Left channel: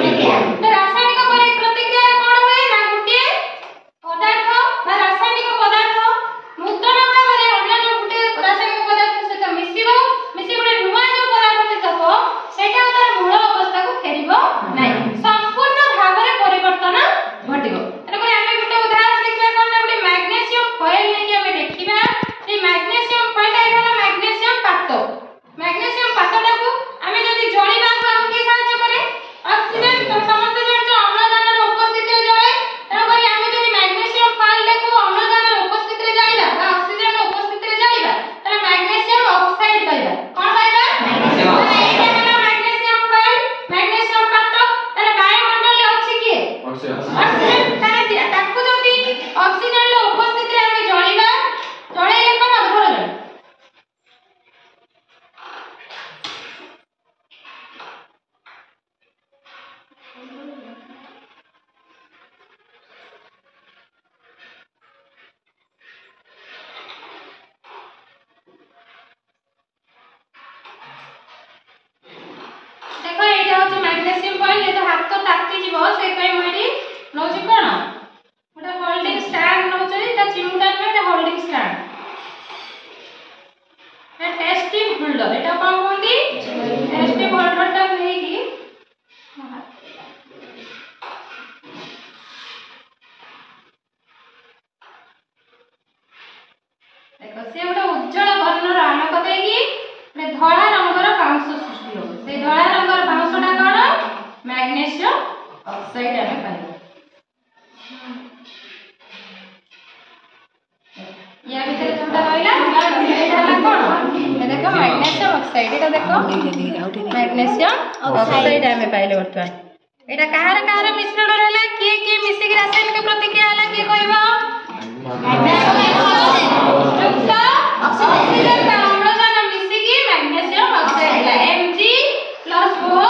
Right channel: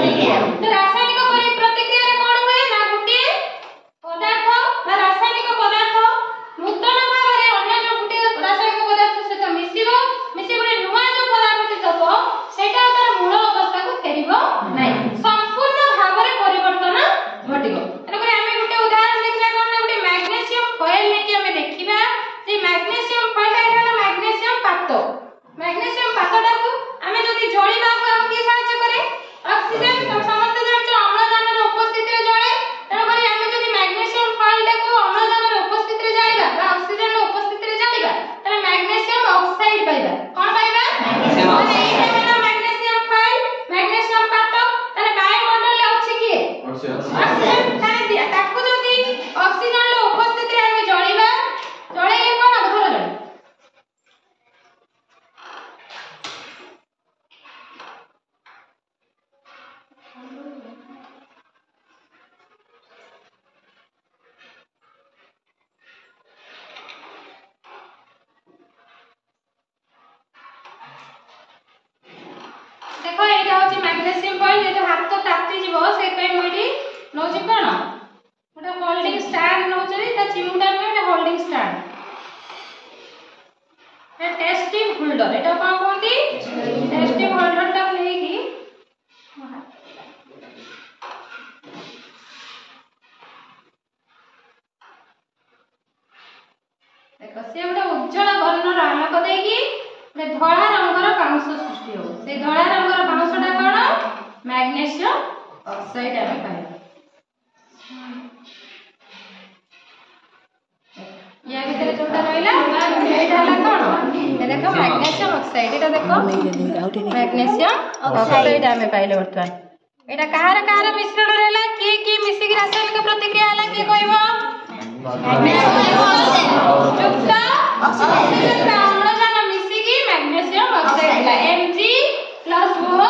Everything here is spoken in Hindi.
प्रतिक्रिया तो रासायनिक प्रतिक्रिया रे कोन होय ना गुटे पदार्थ बा रासायनिक पदार्थ नूतन भाव रे अन्य जो गुटे रासायनिक पदार्थ सहित मिसिबो मिसि गुटे नुवा जो पदार्थ जब सेटा तार मूल अवस्था को फेरिबो नै संपूर्ण भाव रे परिवर्तन घटिबो तने आमे गुटे उदाहरण देखबा कोन ना गुटे मैग्नीशियम फॉयल नै कि आमे देखिबा जे मैग्नीशियम फॉयल एटा मैग्नीशियम पातो मैग्नीशियम पातोटा को आमे जदी जळीबा को हम के साहाय्य करे ऑक्सीजन तो समस्त जण अम्लजान रो उपस्थिति रे जळे तनो करी आमे जदी मैग्नीशियम फॉयल को अम्लजान रो उपस्थिति रे जाळीबा बा ऑक्सीजन रो उपस्थिति रे जाळीबा तने मैग्नीशियम ऑक्साइड पाइबा कोन पाइबा मैग्नीशियम फॉयल मैग्नीशियम पातो तने वायुमंडल रे अछि कि ऑक्सीजन तने ताकू जदी ऑक्सीजन रो उपस्थिति रे आमे जळीबा जळेले कोन धरो जण देखो एटा होची मैग्नीशियम फॉयल जे तो हाथ तो ताती जीवो से पई मोडी नौची कोन ओटा होल्डिंग स्टैंड नौची ता चिमुटा ने ओटा होल्डिंग स्टैंड ए टेस्टिंग होल्डर एटा कोन कोंती टेस्टिंग होल्डर ता लेई की देखो से ओटा उज्जवल वर्णर आलोक देगी ने धळा रंगर पाउंस सृष्टि हो से धळा रंगर पाउंसटा कोन मैग्नीशियम ऑक्साइड आमे पाइबा या भीतर जोटा रहला एटा हला कोन ए देखो मैग्नीशियम ऑक्साइड एटा देखो मैग्नीशियम ऑक्साइड आमे पाइले वर्तमान एटा कहार मिश्रण रहला की मिसिक रासायनिक प्रतिक्रिया हला की कहबो युक्त ऑक्सीजन का अम्लजान मिसिकी मैग्नीशियम ऑक्साइड Mg+O